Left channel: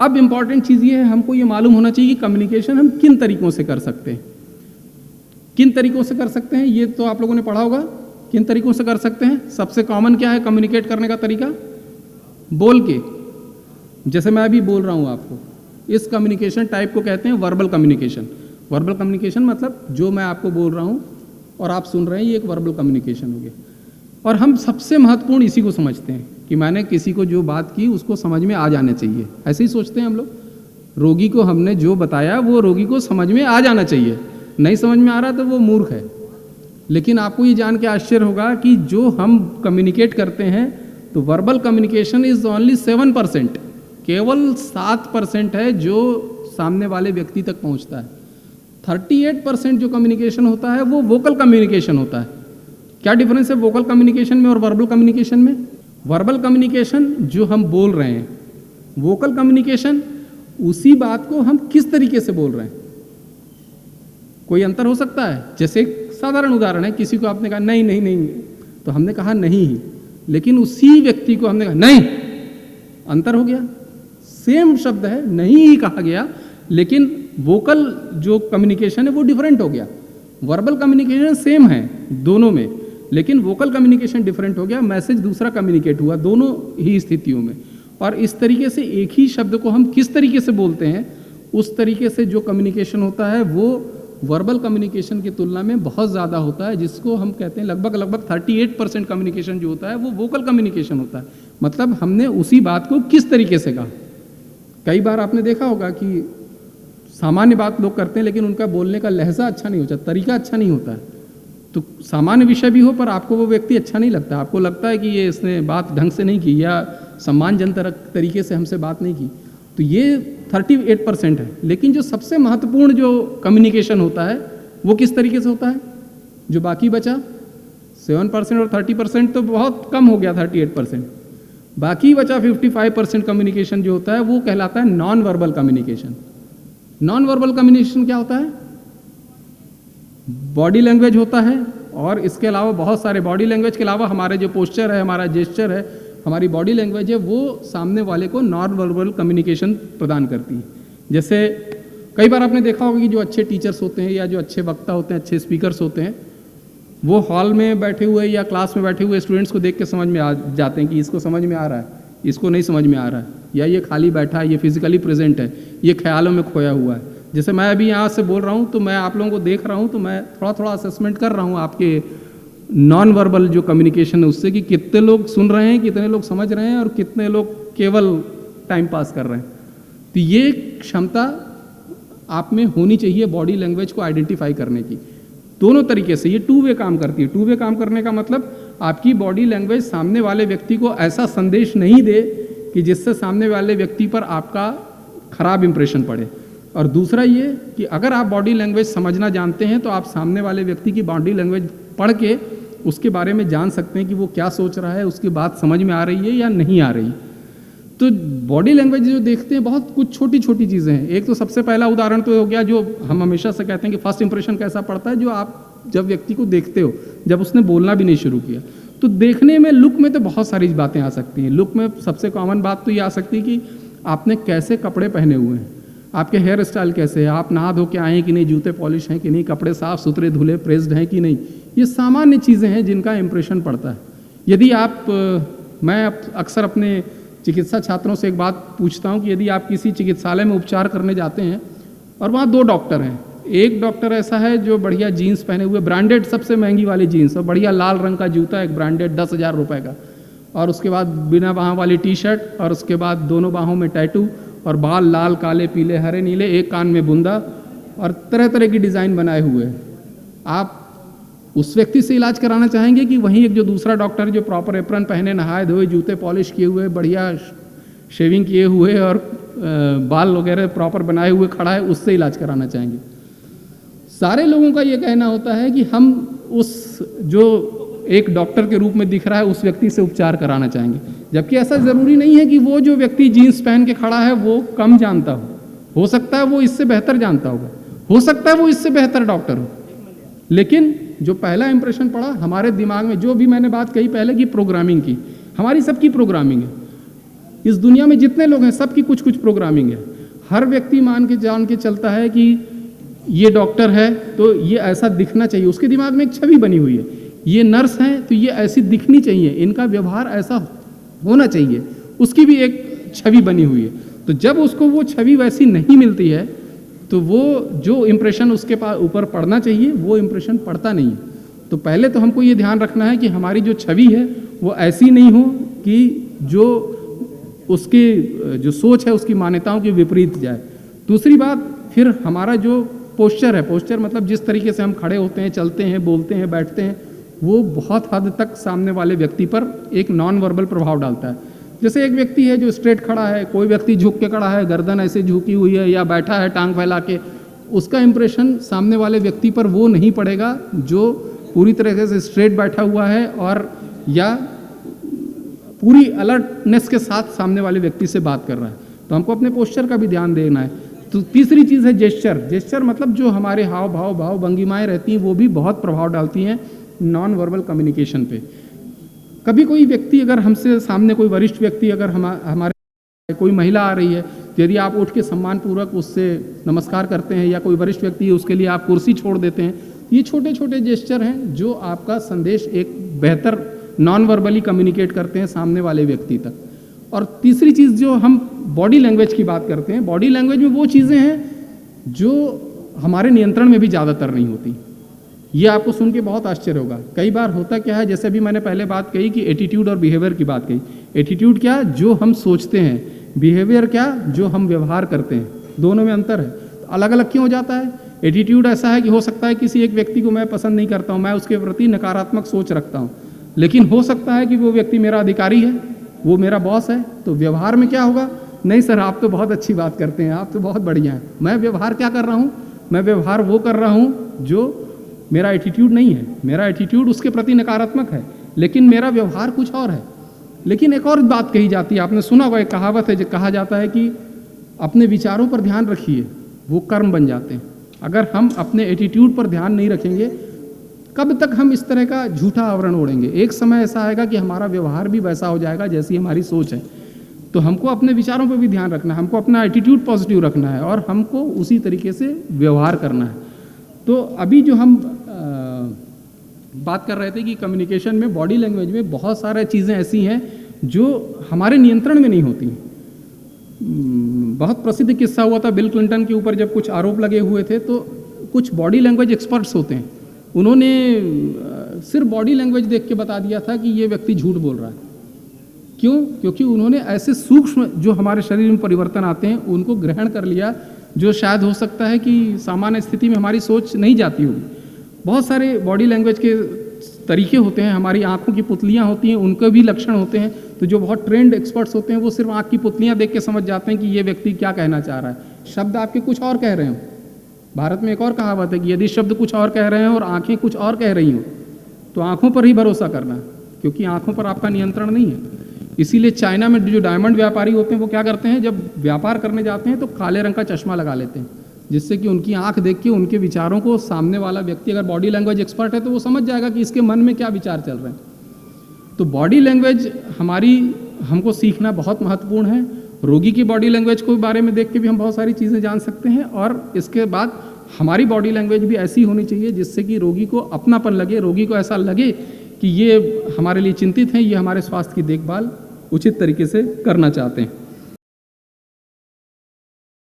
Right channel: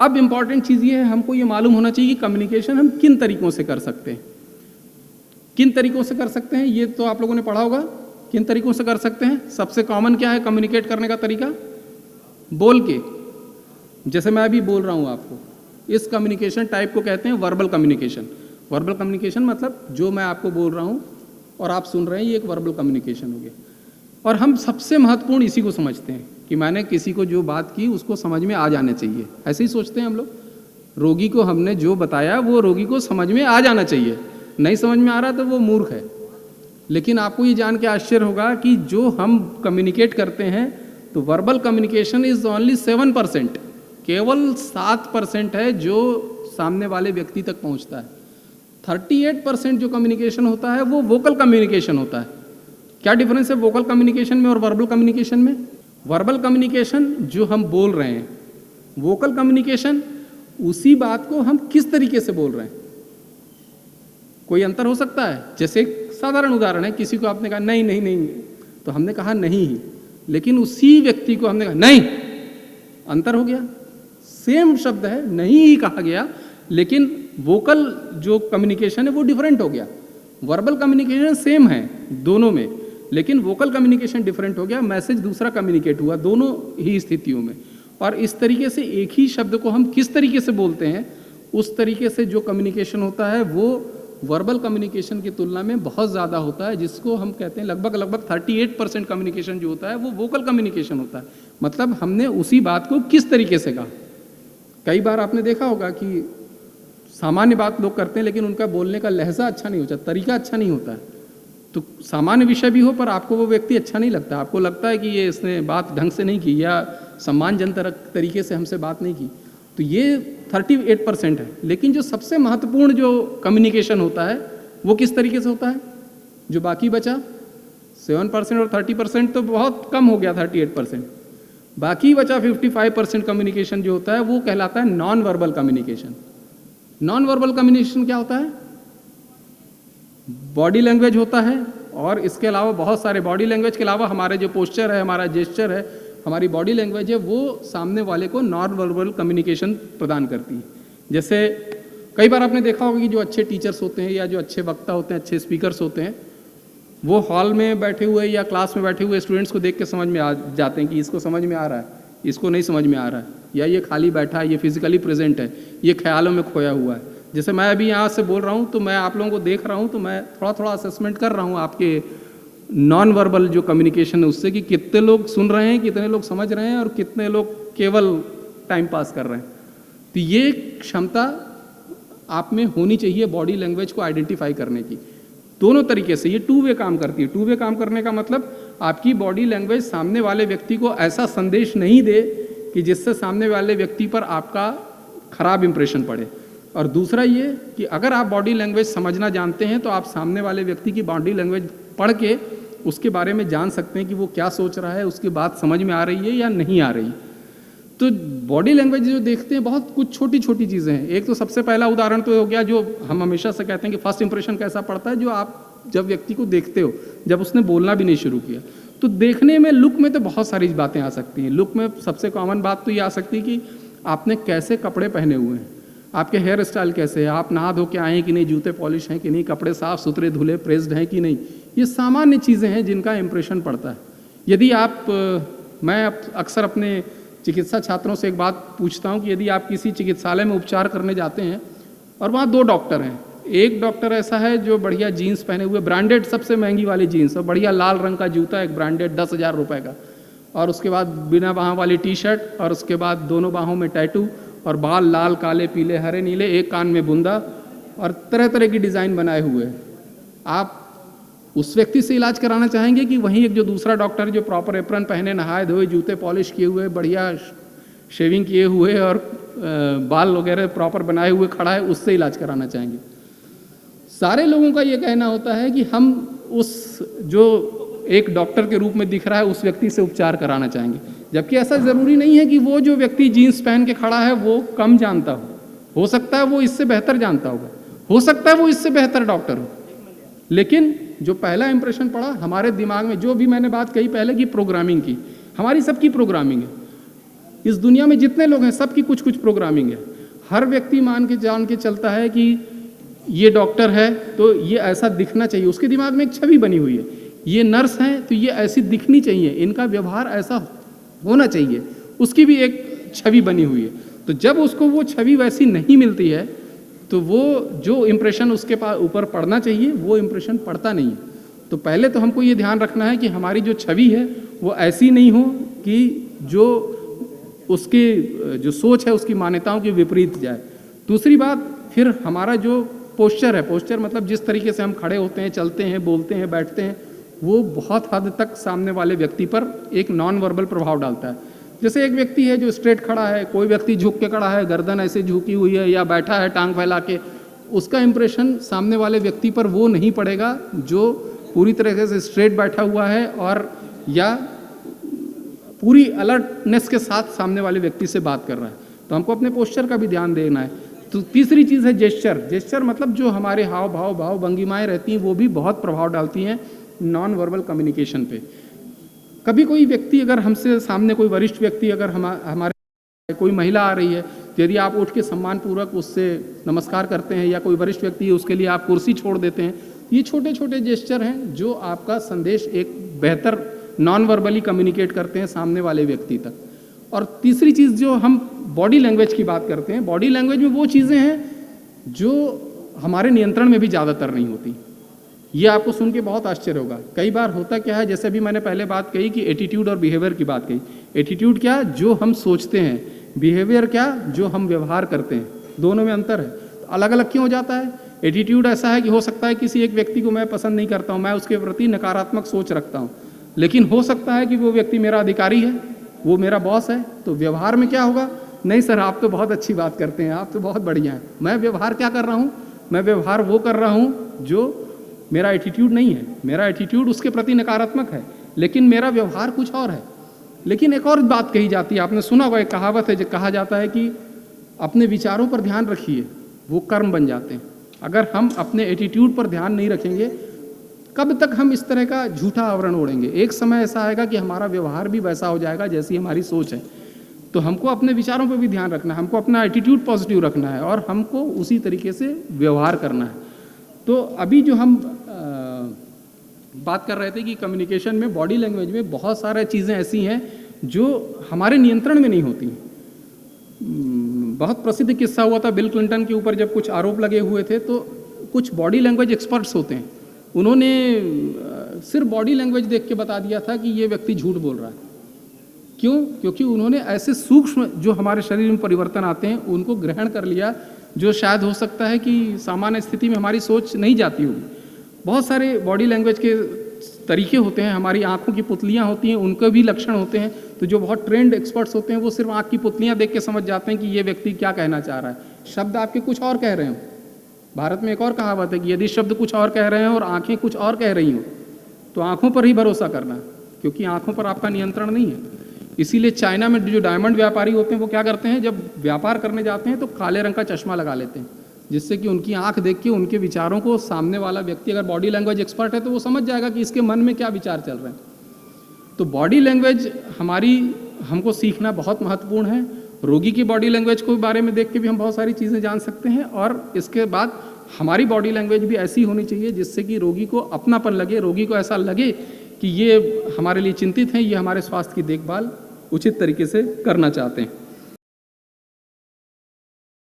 अब इंपॉर्टेंट चीज़ ये है, हमको ये मालूम होना चाहिए कि कम्युनिकेशन हम किन तरीकों से कर सकते हैं। किन तरीकों से कर सकते हैं ये तो आप लोगों ने पढ़ा होगा। किन तरीकों से कर सकते हैं? सबसे कॉमन क्या है कम्युनिकेट करने का तरीका? बोल के। जैसे मैं अभी बोल रहा हूँ आपको, इस कम्युनिकेशन टाइप को कहते हैं वर्बल कम्युनिकेशन। वर्बल कम्युनिकेशन मतलब जो मैं आपको बोल रहा हूँ और आप सुन रहे हैं, ये एक वर्बल कम्युनिकेशन हो गया। और हम सबसे महत्वपूर्ण इसी को समझते हैं कि मैंने किसी को जो बात की उसको समझ में आ जाने चाहिए। ऐसे ही सोचते हैं हम लोग। रोगी को हमने जो बताया वो रोगी को समझ में आ जाना चाहिए। नहीं समझ में आ रहा तो वो मूर्ख है। लेकिन आपको ये जान के आश्चर्य होगा कि जो हम कम्युनिकेट करते हैं तो वर्बल कम्युनिकेशन इज ओनली 7%, केवल 7% है जो सामने वाले व्यक्ति तक पहुंचता है। 38% जो कम्युनिकेशन होता है वो वोकल कम्युनिकेशन होता है। क्या डिफरेंस है वोकल कम्युनिकेशन में और वर्बल कम्युनिकेशन में? वर्बल कम्युनिकेशन जो हम बोल रहे हैं, वोकल कम्युनिकेशन उसी बात को हम किस तरीके से बोल रहे हैं। कोई अंतर हो सकता है? जैसे एक साधारण उदाहरण है, किसी को आपने कहा नहीं नहीं नहीं, तो हमने कहा नहीं ही, लेकिन उसी व्यक्ति को हमने कहा नहीं, अंतर हो गया। सेम शब्द है, नहीं ही कहा गया, लेकिन वोकल जो कम्युनिकेशन है वो डिफरेंट हो गया। वर्बल कम्युनिकेशन सेम है दोनों में, लेकिन वोकल कम्युनिकेशन डिफरेंट हो गया। मैसेज दूसरा कम्युनिकेट हुआ दोनों ही स्थितियों में। और इस तरीके से एक ही शब्द को हम किस तरीके से बोलते हैं, उस तरीके से जो कम्युनिकेशन होता है वो वर्बल कम्युनिकेशन की तुलना में बहुत ज़्यादा होता है, जिसको हम कहते हैं लगभग 38% कम्युनिकेशन जो होता है वो वोकल कम्युनिकेशन होता है। मतलब हमने उसी बात को किस तरीके से कहा। कई बार आपने देखा होगा कि सामान्य बात लोग करते हैं लेकिन उनका बोलने का लहजा अच्छा नहीं होता, तरीका अच्छा नहीं होता है। तो सामान्य विषय भी हो पर आपको वो व्यक्ति अच्छा नहीं लगता, आपको लगता है कि ये इसने बात ढंग से नहीं की या सम्मानजनक तरीके से हमसे बात नहीं की, तो ये 38% है। लेकिन जो सबसे महत्वपूर्ण जो कम्युनिकेशन होता है वो किस तरीके से होता है? जो बाकी बचा 7% और 30% तो बहुत कम हो गया 38%, बाकी बचा 55% कम्युनिकेशन जो होता है वो कहलाता है non verbal communication. Non verbal communication क्या होता है? बॉडी लैंग्वेज होता है, और इसके अलावा बहुत सारे बॉडी लैंग्वेज के अलावा हमारे जो पोस्चर है, हमारा जेस्चर है, हमारी बॉडी लैंग्वेज है, वो सामने वाले को नॉन वर्बल कम्युनिकेशन प्रदान करती है। जैसे कई बार आपने देखा होगा कि जो अच्छे टीचर्स होते हैं या जो अच्छे वक्ता होते हैं, अच्छे स्पीकर्स होते हैं, वो हॉल में बैठे हुए या क्लास में बैठे हुए स्टूडेंट्स को देख के समझ में आ जाते हैं कि इसको समझ में आ रहा है, इसको नहीं समझ में आ रहा है, या ये खाली बैठा है, ये फिजिकली प्रेजेंट है, ये ख्यालों में खोया हुआ है। जैसे मैं अभी यहाँ से बोल रहा हूँ तो मैं आप लोगों को देख रहा हूँ, तो मैं थोड़ा थोड़ा असेसमेंट कर रहा हूँ आपके नॉन वर्बल जो कम्युनिकेशन है उससे, कि कितने लोग सुन रहे हैं, कितने लोग समझ रहे हैं और कितने लोग केवल टाइम पास कर रहे हैं। तो ये क्षमता आप में होनी चाहिए बॉडी लैंग्वेज को आइडेंटिफाई करने की। दोनों तरीके से ये टू वे काम करती है। टू वे काम करने का मतलब आपकी बॉडी लैंग्वेज सामने वाले व्यक्ति को ऐसा संदेश नहीं दे कि जिससे सामने वाले व्यक्ति पर आपका खराब इंप्रेशन पड़े। और दूसरा ये कि अगर आप बॉडी लैंग्वेज समझना जानते हैं तो आप सामने वाले व्यक्ति की बॉडी लैंग्वेज पढ़ के उसके बारे में जान सकते हैं कि वो क्या सोच रहा है, उसकी बात समझ में आ रही है या नहीं आ रही। तो बॉडी लैंग्वेज जो देखते हैं बहुत कुछ छोटी छोटी चीज़ें हैं। एक तो सबसे पहला उदाहरण तो हो गया जो हम हमेशा से कहते हैं कि फर्स्ट इंप्रेशन कैसा पड़ता है, जो आप जब व्यक्ति को देखते हो, जब उसने बोलना भी नहीं शुरू किया, तो देखने में लुक में तो बहुत सारी बातें आ सकती हैं। लुक में सबसे कॉमन बात तो ये आ सकती है कि आपने कैसे कपड़े पहने हुए हैं, आपके हेयर स्टाइल कैसे है, आप नहा धो के आए हैं कि नहीं, जूते पॉलिश हैं कि नहीं, कपड़े साफ सुथरे धुले प्रेस्ड हैं कि नहीं। ये सामान्य चीज़ें हैं जिनका इंप्रेशन पड़ता है। यदि आप मैं अक्सर अपने चिकित्सा छात्रों से एक बात पूछता हूँ कि यदि आप किसी चिकित्सालय में उपचार करने जाते हैं और वहाँ 2 डॉक्टर हैं, एक डॉक्टर ऐसा है जो बढ़िया जीन्स पहने हुए, ब्रांडेड सबसे महंगी वाली जीन्स और बढ़िया लाल रंग का जूता, एक ब्रांडेड 10,000 रुपये का, और उसके बाद बिना बाहों वाली टी शर्ट, और उसके बाद दोनों बाहों में टैटू, और बाल लाल काले पीले हरे नीले, एक कान में बुंदा, और तरह तरह की डिज़ाइन बनाए हुए हैं। आप उस व्यक्ति से इलाज कराना चाहेंगे कि वहीं एक जो दूसरा डॉक्टर जो प्रॉपर एप्रन पहने, नहाए धोए, जूते पॉलिश किए हुए, बढ़िया शेविंग किए हुए और बाल वगैरह प्रॉपर बनाए हुए खड़ा है, उससे इलाज कराना चाहेंगे? सारे लोगों का ये कहना होता है कि हम उस जो एक डॉक्टर के रूप में दिख रहा है उस व्यक्ति से उपचार कराना चाहेंगे। जबकि ऐसा ज़रूरी नहीं है कि वो जो व्यक्ति जीन्स पहन के खड़ा है वो कम जानता हो सकता है वो इससे बेहतर जानता होगा, हो सकता है वो इससे बेहतर डॉक्टर हो। लेकिन जो पहला इंप्रेशन पड़ा हमारे दिमाग में, जो भी मैंने बात कही पहले की प्रोग्रामिंग की, हमारी सबकी प्रोग्रामिंग है। इस दुनिया में जितने लोग हैं सबकी कुछ कुछ प्रोग्रामिंग है। हर व्यक्ति जान के चलता है कि ये डॉक्टर है तो ये ऐसा दिखना चाहिए, उसके दिमाग में एक छवि बनी हुई है। ये नर्स हैं तो ये ऐसी दिखनी चाहिए, इनका व्यवहार ऐसा होना चाहिए, उसकी भी एक छवि बनी हुई है। तो जब उसको वो छवि वैसी नहीं मिलती है तो वो जो इम्प्रेशन उसके ऊपर पड़ना चाहिए वो इम्प्रेशन पड़ता नहीं है। तो पहले तो हमको ये ध्यान रखना है कि हमारी जो छवि है वो ऐसी नहीं हो कि जो उसकी जो सोच है उसकी मान्यताओं के विपरीत जाए। दूसरी बात, फिर हमारा जो पोस्चर है, पोस्चर मतलब जिस तरीके से हम खड़े होते हैं, चलते हैं, बोलते हैं, बैठते हैं, वो बहुत हद तक सामने वाले व्यक्ति पर एक नॉन वर्बल प्रभाव डालता है। जैसे एक व्यक्ति है जो स्ट्रेट खड़ा है, कोई व्यक्ति झुक के खड़ा है, गर्दन ऐसे झुकी हुई है या बैठा है टांग फैला के, उसका इंप्रेशन सामने वाले व्यक्ति पर वो नहीं पड़ेगा जो पूरी तरीके से स्ट्रेट बैठा हुआ है और या पूरी अलर्टनेस के साथ सामने वाले व्यक्ति से बात कर रहा है। तो हमको अपने पोस्चर का भी ध्यान देना है। तो तीसरी चीज़ है जेस्चर। जेस्चर मतलब जो हमारे हाव भाव भंगिमाएँ रहती हैं वो भी बहुत प्रभाव डालती हैं नॉन वर्बल कम्युनिकेशन पे। कभी कोई व्यक्ति अगर हमसे सामने कोई वरिष्ठ व्यक्ति अगर हमारे कोई महिला आ रही है तो यदि आप उठ के सम्मानपूर्वक उससे नमस्कार करते हैं या कोई वरिष्ठ व्यक्ति है उसके लिए आप कुर्सी छोड़ देते हैं, ये छोटे छोटे जेस्चर हैं जो आपका संदेश एक बेहतर नॉन वर्बली कम्युनिकेट करते हैं सामने वाले व्यक्ति तक। और तीसरी चीज़ जो हम बॉडी लैंग्वेज की बात करते हैं, बॉडी लैंग्वेज में वो चीज़ें हैं जो हमारे नियंत्रण में भी ज़्यादातर नहीं होती। ये आपको सुन के बहुत आश्चर्य होगा। कई बार होता क्या है, जैसे अभी मैंने पहले बात कही कि एटीट्यूड और बिहेवियर की बात कही। एटीट्यूड क्या, जो हम सोचते हैं, बिहेवियर क्या, जो हम व्यवहार करते हैं, दोनों में अंतर है। तो अलग अलग क्यों हो जाता है? एटीट्यूड ऐसा है कि हो सकता है किसी एक व्यक्ति को मैं पसंद नहीं करता हूँ, मैं उसके प्रति नकारात्मक सोच रखता हूँ, लेकिन हो सकता है कि वो व्यक्ति मेरा अधिकारी है, वो मेरा बॉस है। तो व्यवहार में क्या होगा, नहीं सर आप तो बहुत अच्छी बात करते हैं, आप तो बहुत बढ़िया हैं, मैं व्यवहार क्या कर रहा हूँ, मैं व्यवहार वो कर रहा हूँ जो मेरा एटीट्यूड नहीं है। मेरा एटीट्यूड उसके प्रति नकारात्मक है लेकिन मेरा व्यवहार कुछ और है। लेकिन एक और बात कही जाती है, आपने सुना होगा, एक कहावत है जो कहा जाता है कि अपने विचारों पर ध्यान रखिए, वो कर्म बन जाते हैं। अगर हम अपने एटीट्यूड पर ध्यान नहीं रखेंगे, कब तक हम इस तरह का झूठा आवरण ओढ़ेंगे? एक समय ऐसा आएगा कि हमारा व्यवहार भी वैसा हो जाएगा जैसी हमारी सोच है। तो हमको अपने विचारों पर भी ध्यान रखना है, हमको अपना एटीट्यूड पॉजिटिव रखना है और हमको उसी तरीके से व्यवहार करना है। तो अभी जो हम बात कर रहे थे कि कम्युनिकेशन में, बॉडी लैंग्वेज में बहुत सारी चीज़ें ऐसी हैं जो हमारे नियंत्रण में नहीं होती। बहुत प्रसिद्ध किस्सा हुआ था बिल क्लिंटन के ऊपर, जब कुछ आरोप लगे हुए थे तो कुछ बॉडी लैंग्वेज एक्सपर्ट्स होते हैं, उन्होंने सिर्फ बॉडी लैंग्वेज देख के बता दिया था कि ये व्यक्ति झूठ बोल रहा है। क्यों? क्योंकि उन्होंने ऐसे सूक्ष्म जो हमारे शरीर में परिवर्तन आते हैं उनको ग्रहण कर लिया जो शायद हो सकता है कि सामान्य स्थिति में हमारी सोच नहीं जाती होगी। बहुत सारे बॉडी लैंग्वेज के तरीके होते हैं, हमारी आंखों की पुतलियां होती हैं, उनके भी लक्षण होते हैं। तो जो बहुत ट्रेंड एक्सपर्ट्स होते हैं वो सिर्फ आंख की पुतलियां देख के समझ जाते हैं कि ये व्यक्ति क्या कहना चाह रहा है। शब्द आपके कुछ और कह रहे हो। भारत में एक और कहावत है कि यदि शब्द कुछ और कह रहे हैं और आंखें कुछ और कह रही हों तो आंखों पर ही भरोसा करना, क्योंकि आंखों पर आपका नियंत्रण नहीं है। इसीलिए चाइना में जो डायमंड व्यापारी होते हैं वो क्या करते हैं, जब व्यापार करने जाते हैं तो काले रंग का चश्मा लगा लेते हैं, जिससे कि उनकी आंख देख के उनके विचारों को सामने वाला व्यक्ति अगर बॉडी लैंग्वेज एक्सपर्ट है तो वो समझ जाएगा कि इसके मन में क्या विचार चल रहे हैं। तो बॉडी लैंग्वेज हमको सीखना बहुत महत्वपूर्ण है। रोगी की बॉडी लैंग्वेज के बारे में देख के भी हम बहुत सारी चीज़ें जान सकते हैं और इसके बाद हमारी बॉडी लैंग्वेज भी ऐसी होनी चाहिए जिससे कि रोगी को अपनापन लगे, रोगी को ऐसा लगे कि ये हमारे लिए चिंतित हैं, ये हमारे स्वास्थ्य की देखभाल उचित तरीके से करना चाहते हैं।